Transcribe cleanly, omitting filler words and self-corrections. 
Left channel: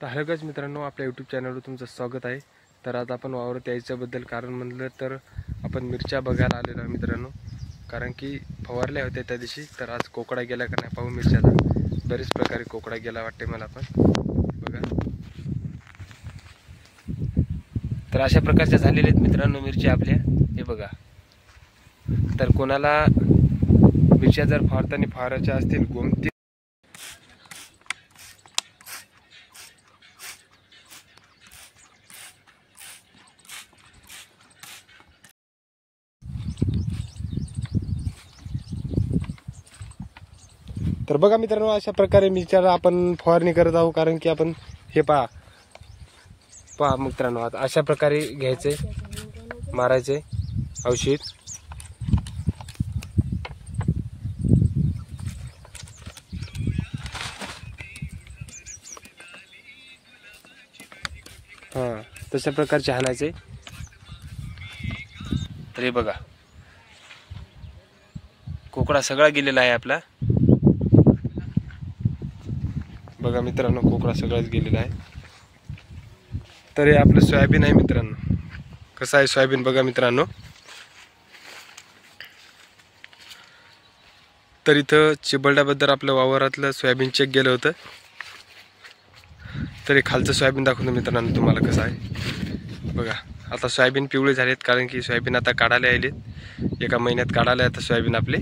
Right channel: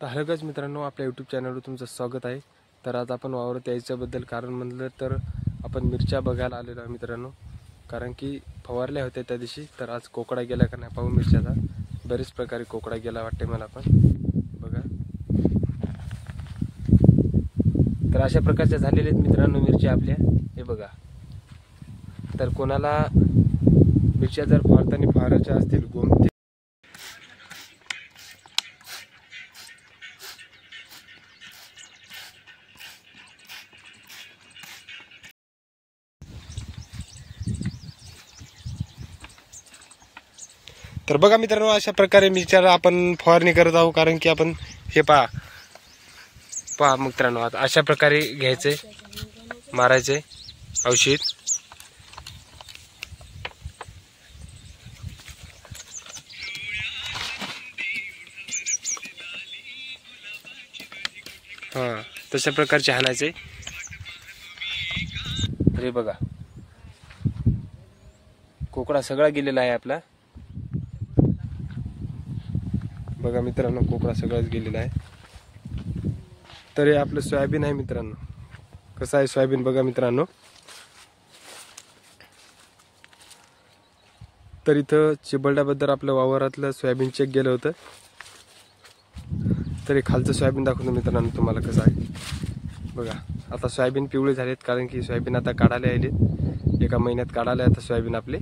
तर हॅलो मित्रांनो, आपल्या यूट्यूब चॅनलवर तुमचं स्वागत आहे। तर आज आपण वावरात यायच्याबद्दल कारण म्हणलं तर आपण मिरच्या बघायला आलेलो आहे मित्रांनो। कारण की फवारल्या होत्या त्या दिवशी, तर आज कोकडा गेला का नाही पाहू मिरच्याचा। बरेच प्रकारे कोकडा गेला वाटते मला पण, बघा। तर अशा प्रकारच्या झालेल्या आहेत मित्रांनो मिरच्या आपल्या, हे बघा। तर कोणाला मिरच्या जर फवारताना फवारायच्या असतील गोमती तर बघा मित्रांनो, अशा प्रकारे मिरच्याला आपण फवारणी करत आहोत। कारण की आपण हे पहा मित्रांनो, आता अशा प्रकारे घ्यायचे, मारायचे औषध। तशा प्रकारचे हाणायचे। तर हे बघा, कोकडा सगळा गेलेला आहे आपला, बघा मित्रांनो, कोकडा सगळाच गेलेला आहे। तर हे आपलं सोयाबीन आहे मित्रांनो। कसं आहे सोयाबीन बघा मित्रांनो। तर इथं चिबलड्याबद्दल आपल्या वावरातलं सोयाबीन चेक गेलं होतं। तर हे खालचं सोयाबीन दाखवतो मित्रांनो तुम्हाला कसं आहे बघा। आता सोयाबीन पिवळे झालेत, कारण की सोयाबीन आता काढायला आलेत, एका महिन्यात काढायला आता सोयाबीन आपले।